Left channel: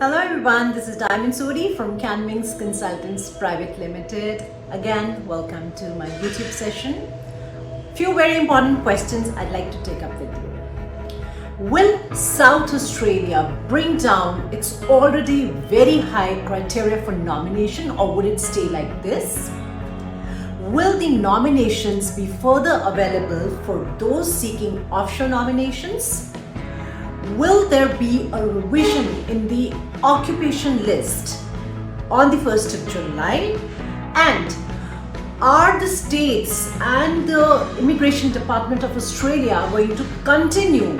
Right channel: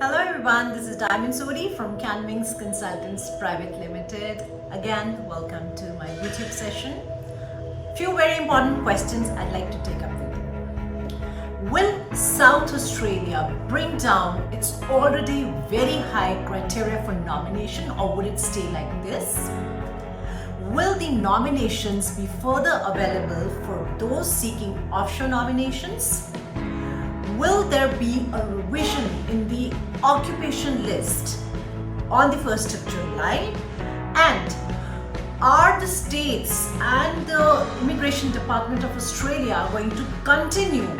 Hello everyone, this is Sodhi from CAAN Wings Consultants Private Limited. Again, welcome to my YouTube session. Few very important questions I'd like to take up with you. Will South Australia bring down its already very high criteria for nomination, or will it stay like this? Will the nominations be further available for those seeking offshore nominations? Will there be a revision in the occupation list on the 1st of July? And are the states and the Immigration Department of Australia going to continue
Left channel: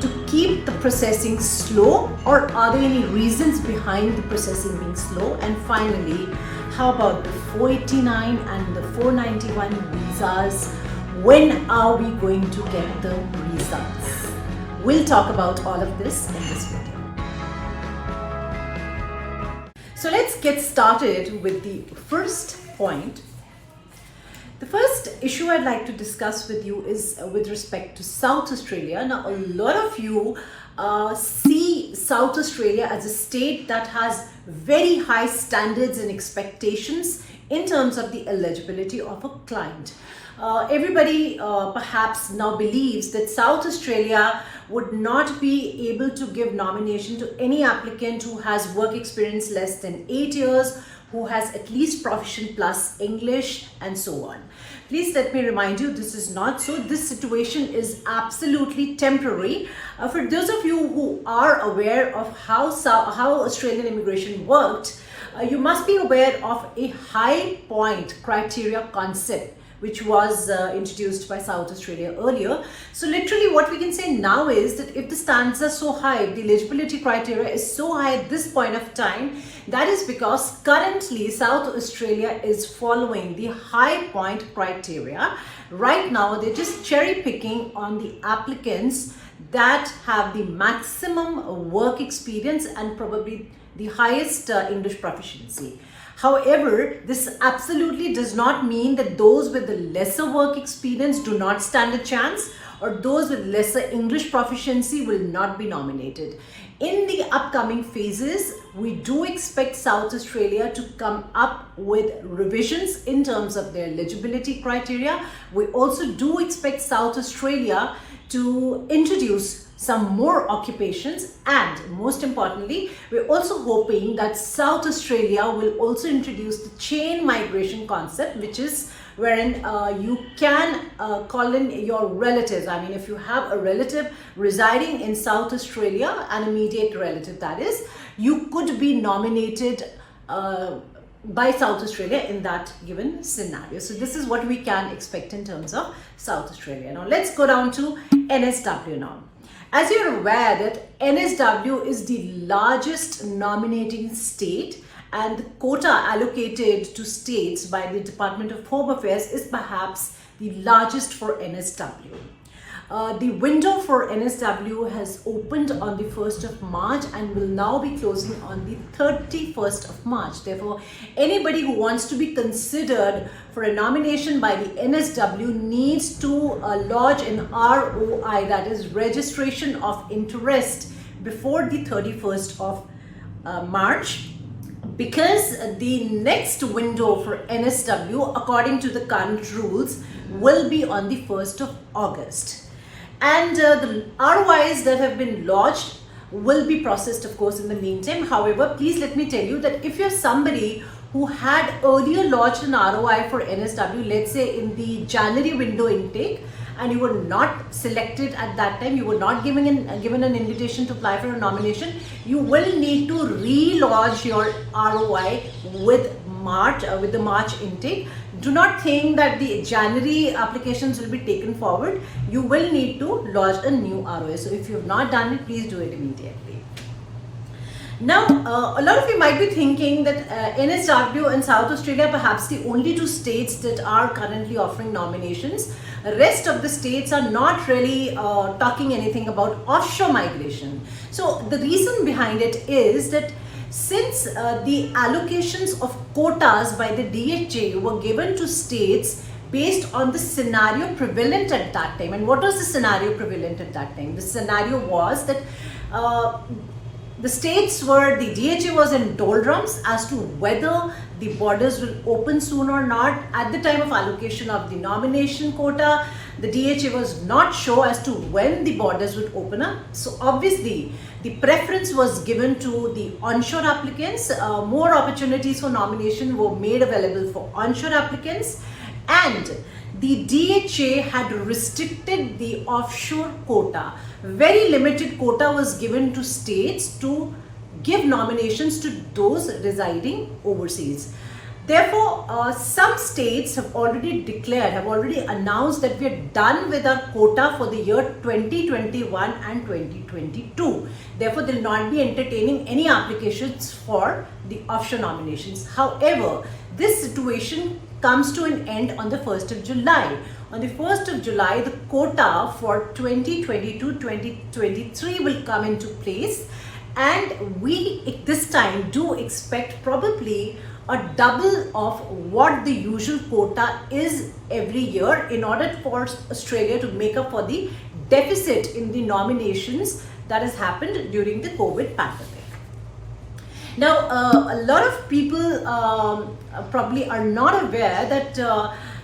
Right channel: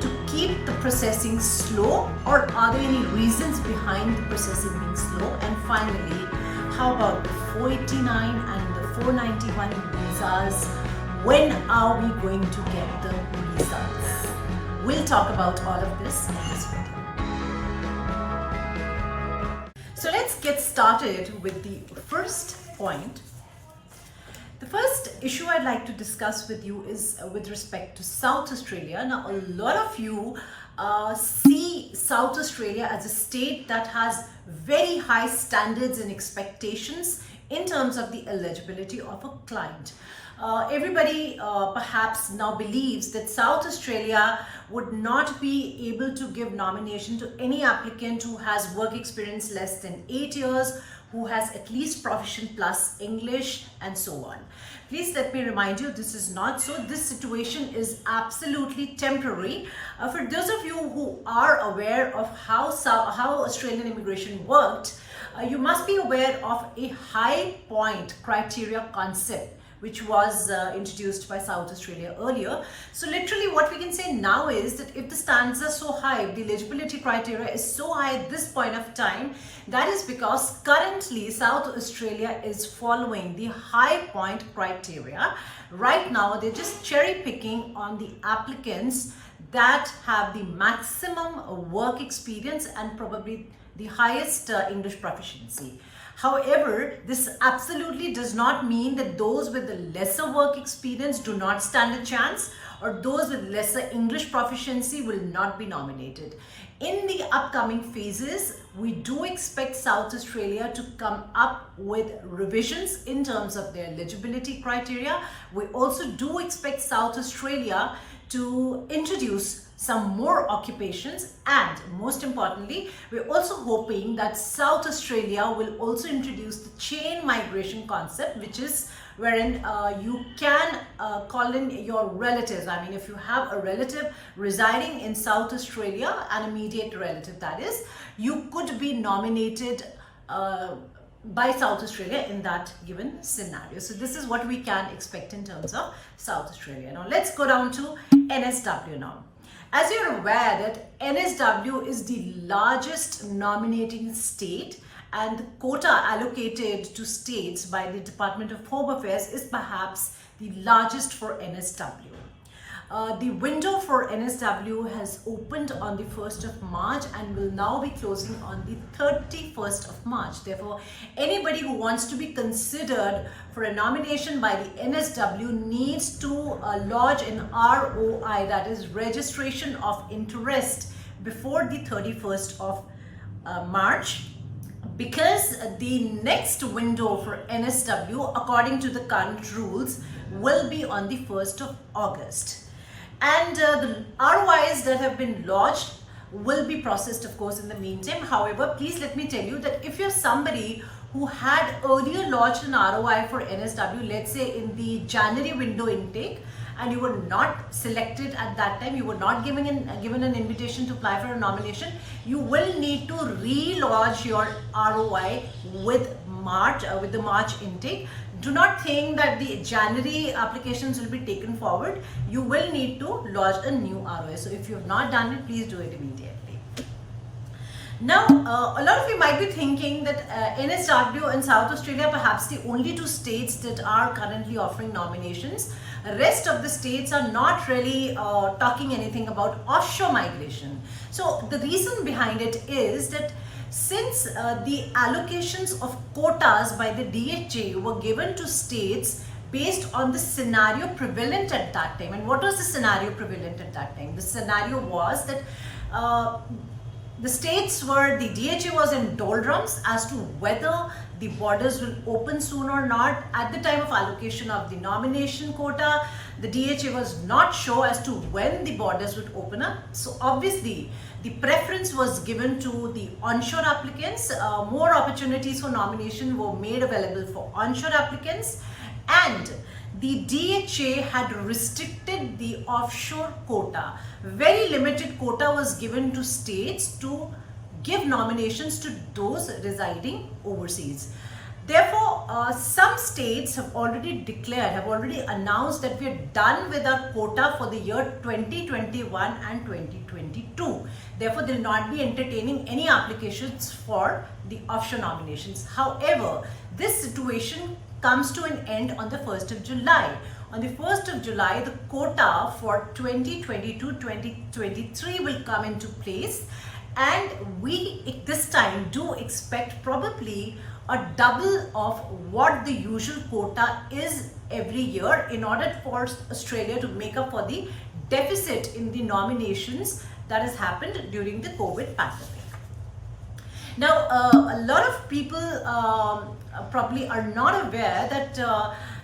to keep the processing slow, or are there any reasons behind the processing being slow? And finally, how about the 489 and the 491 visas? When are we going to get the results? We'll talk about all of this in this video. So let's get started with the first point. The first issue I'd like to discuss with you is with respect to South Australia. Now, a lot of you see South Australia as a state that has very high standards and expectations in terms of the eligibility of a client. Everybody perhaps now believes that South Australia would not be able to give nomination to any applicant who has work experience less than 8 years, who has at least proficient plus English, and so on. Please let me remind you, this is not so. This situation is absolutely temporary. For those of you who are aware of how Australian immigration worked, you must be aware of a high point criteria concept, which was introduced by South Australia earlier. So literally what we can say now is that if the standards are so high, if the eligibility criteria is so high at this point of time, that is because currently South Australia is following the high point criteria. Right now, they're just cherry picking on the applicants that have the maximum work experience and probably the highest English proficiency. However, this absolutely does not mean that those with the lesser work experience do not stand a chance, or those with lesser English proficiency will not be nominated. In the upcoming phases, we do expect South Australia to come up with revisions in terms of their eligibility criteria. We also do expect South Australia to introduce some more occupations, and most importantly, we're also hoping that South Australia will also introduce the chain migration concept, which is wherein you can call in your relatives. I mean, if you have a relative residing in South Australia, an immediate relative that is, you could be nominated by South Australia in that given scenario. So this is what we can expect in terms of South Australia. Now let's go down to NSW Norm. As you're aware that NSW is the largest nominating state, and the quota allocated to states by the Department of Home Affairs is perhaps the largest for NSW. The window for NSW has opened on the 1st of March and will now be closing on the 31st of March. Therefore, anybody who wants to be considered for a nomination by the NSW needs to lodge an ROI, that is registration of interest, before the 31st of March. Because the next window for NSW, according to the current rules, will be on the 1st of August. And the ROIs that have been lodged will be processed, of course, in the meantime. However, please let me tell you that if you're somebody who had earlier lodged an ROI for NSW, let's say in the January window intake, and you were not selected at that time, you were not given an invitation to apply for a nomination, you will need to re-lodge your ROI with the March intake. Do not think that the January applications will be taken forward. You will need to lodge a new ROI. So if you have not done it, please do it immediately. Now, a lot of you might be thinking that NSW and South Australia are perhaps the only two states that are currently offering nominations. The rest of the states are not really talking anything about offshore migration. So the reason behind it is that since the allocations of quotas by the DHA were given to states based on the scenario prevalent at that time. And what was the scenario prevalent at that time? The scenario was that the states were, the DHA was in doldrums as to whether the borders will open soon or not. At the time of allocation of the nomination quota, the DHA was not sure as to when the borders would open up. So obviously, the preference was given to the onshore applicants. More opportunities for nomination were made available for onshore applicants, and the DHA had restricted the offshore quota. Very limited quota was given to states to give nominations to those residing overseas. Therefore, some states have already declared, have already announced that we are done with our quota for the year 2021 and 2022. Therefore, they will not be entertaining any applications for the offshore nominations. However, this situation comes to an end on the 1st of July. On the 1st of July, the quota for 2022-2023 will come into place, and we this time do expect probably a double of what the usual quota is every year in order for Australia to make up for the deficit in the nominations that has happened during the COVID pandemic. Now, a lot of people probably are not aware that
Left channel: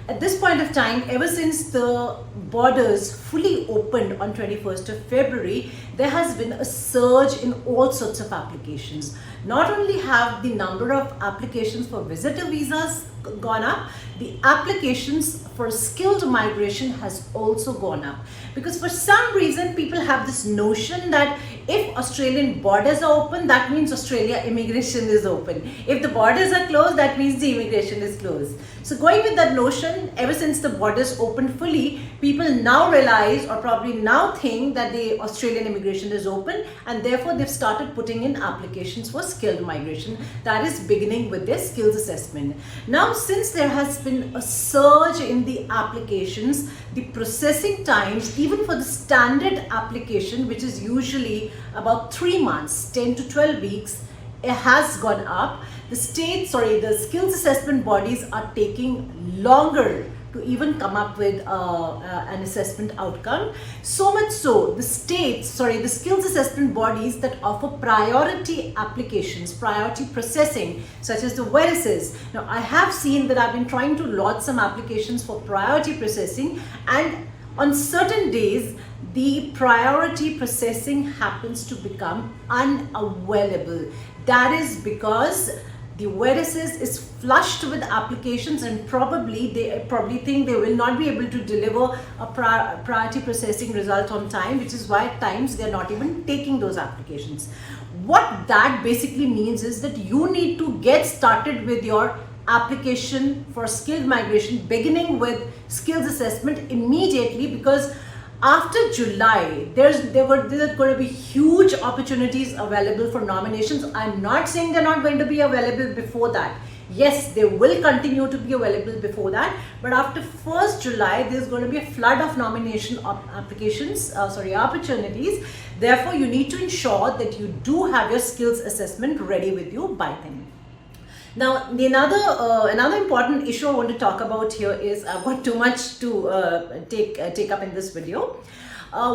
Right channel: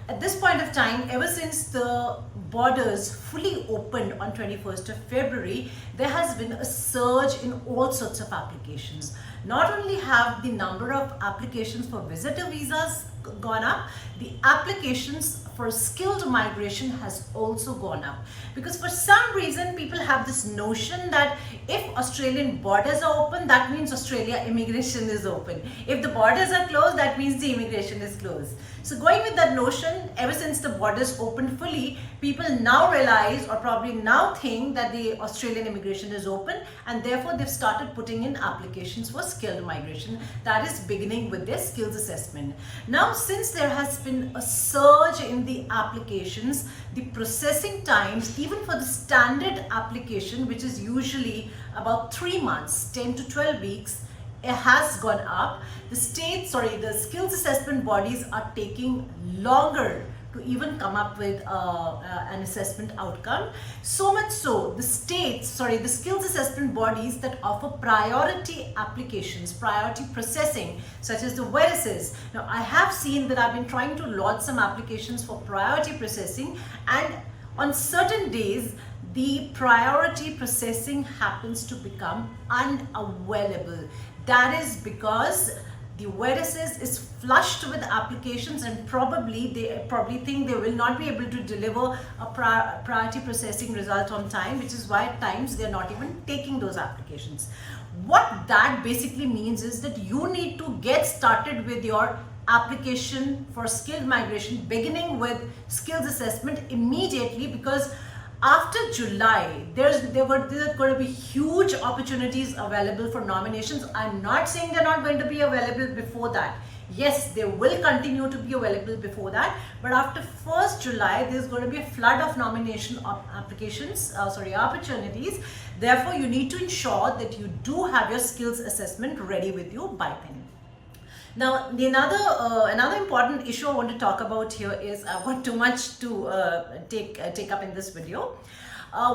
at this point of time, ever since the borders fully opened on 21st of February, there has been a surge in all sorts of applications. Not only have the number of applications for visitor visas gone up, the applications for skilled migration has also gone up. Because for some reason, people have this notion that if Australian borders are open, that means Australia immigration is open. If the borders are closed, that means the immigration is closed. So going with that notion, ever since the borders opened fully, people now realize, or probably now think, that the Australian immigration is open, and therefore they've started putting in applications for skilled migration. That is beginning with their skills assessment. Now, since there has been a surge in the applications, the processing times, even for the standard application, which is usually about 3 months, 10 to 12 weeks, it has gone up. The skills assessment bodies are taking longer to even come up with an assessment outcome. So much so, the skills assessment bodies that offer priority applications, priority processing, such as the VERSES. Now, I have seen that I've been trying to lodge some applications for priority processing, and on certain days, the priority processing happens to become unavailable. That is because the VERSES is flushed with applications, and they probably think they will not be able to deliver a priority processing result on time, which is why at times they're not even taking those applications. What that basically means is that you need to get started with your application for skilled migration, beginning with skills assessment immediately, because after July, there are going to be huge opportunities available for nominations. I'm not saying they're not going to be available before that. Yes, they will continue to be available before that, but after 1st July, there's going to be a flood of nomination opportunities. Therefore, you need to ensure that you do have your skills assessment ready with you by then. Now, another important issue I want to talk about here is, I've got too much to take up in this video.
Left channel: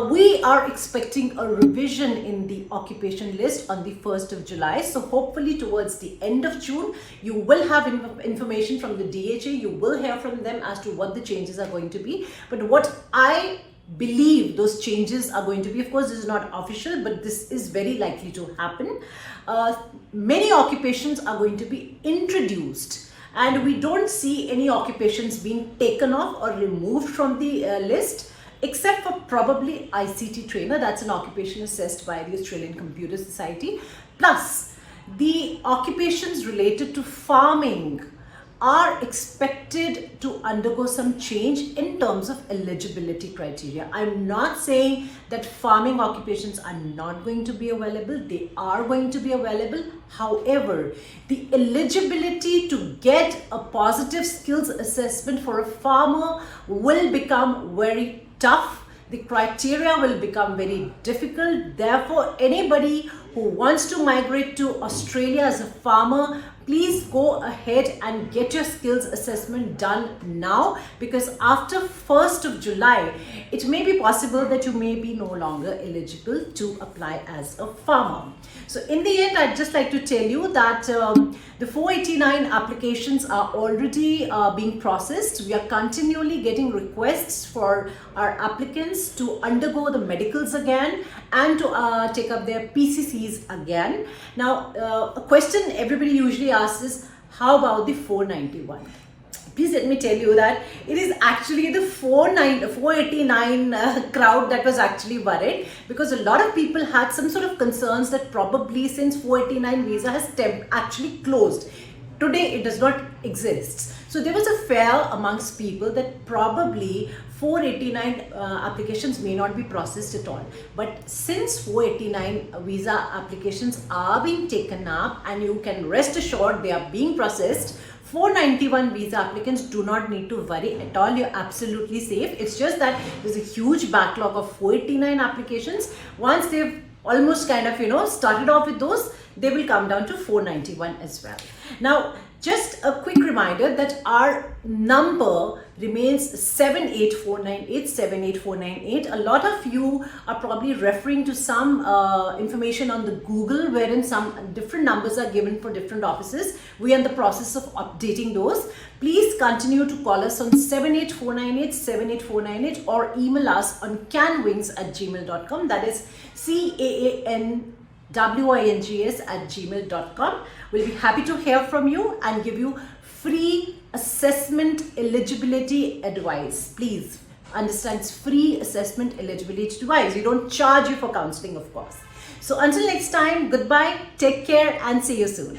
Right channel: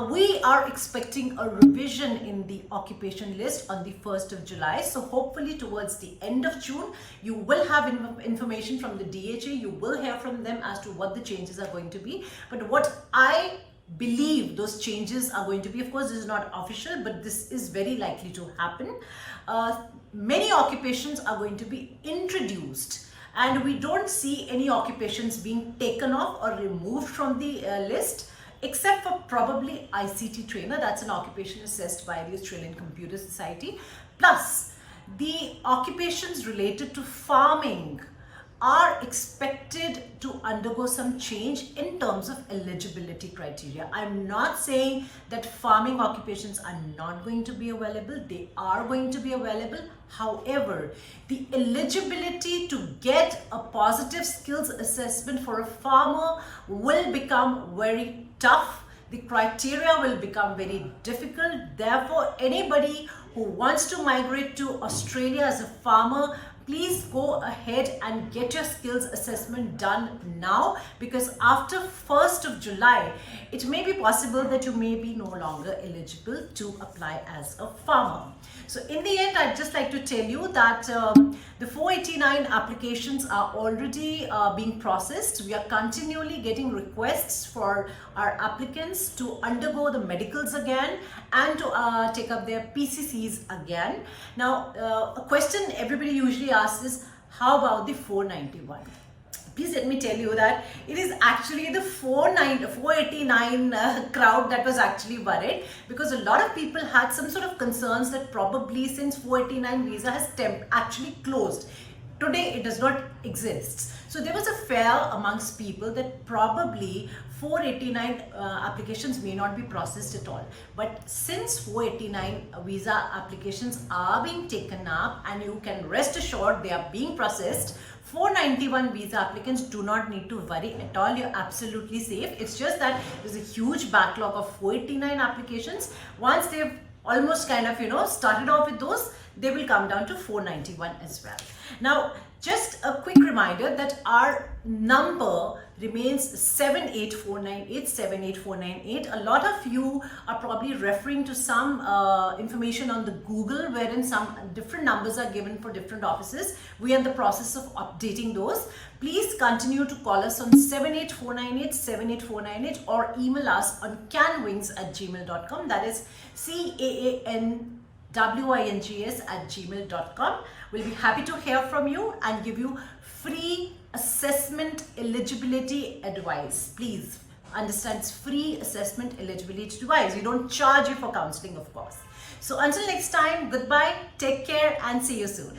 We are expecting a revision in the occupation list on the 1st of July. So hopefully towards the end of June, you will have information from the DHA. You will hear from them as to what the changes are going to be. But what I believe those changes are going to be, of course, this is not official, but this is very likely to happen. Many occupations are going to be introduced, and we don't see any occupations being taken off or removed from the list, except for probably ICT trainer. That's an occupation assessed by the Australian Computer Society. Plus, the occupations related to farming are expected to undergo some change in terms of eligibility criteria. I'm not saying that farming occupations are not going to be available. They are going to be available. However, the eligibility to get a positive skills assessment for a farmer will become very tough. The criteria will become very difficult. Therefore, anybody who wants to migrate to Australia as a farmer, please go ahead and get your skills assessment done now, because after 1st of July, it may be possible that you may be no longer eligible to apply as a farmer. So in the end, I'd just like to tell you that the 489 applications are already being processed. We are continually getting requests for our applicants to undergo the medicals again and to take up their PCCs again. Now, a question everybody usually asks is, how about the 491? Please let me tell you that it is actually the 489 crowd that was actually worried, because a lot of people had some sort of concerns that probably since 489 visa has actually closed, today it does not exist. So there was a fear amongst people that probably 489 applications may not be processed at all. But since 489 visa applications are being taken up, and you can rest assured they are being processed, 491 visa applicants do not need to worry at all. You're absolutely safe. It's just that there's a huge backlog of 489 applications. Once they've almost kind of, started off with those, they will come down to 491 as well. Now, just a quick reminder that our number remains 78498, 78498. A lot of you are probably referring to some information on the Google wherein some different numbers are given for different offices. We are in the process of updating those. Please continue to call us on 78498, 78498, or email us on CaanWings@gmail.com. That is CAANWINGS@gmail.com. We'll be happy to hear from you and give you free assessment eligibility advice. Please understand, it's free assessment eligibility advice. We don't charge you for counseling, of course. So until next time, goodbye, take care, and see you soon.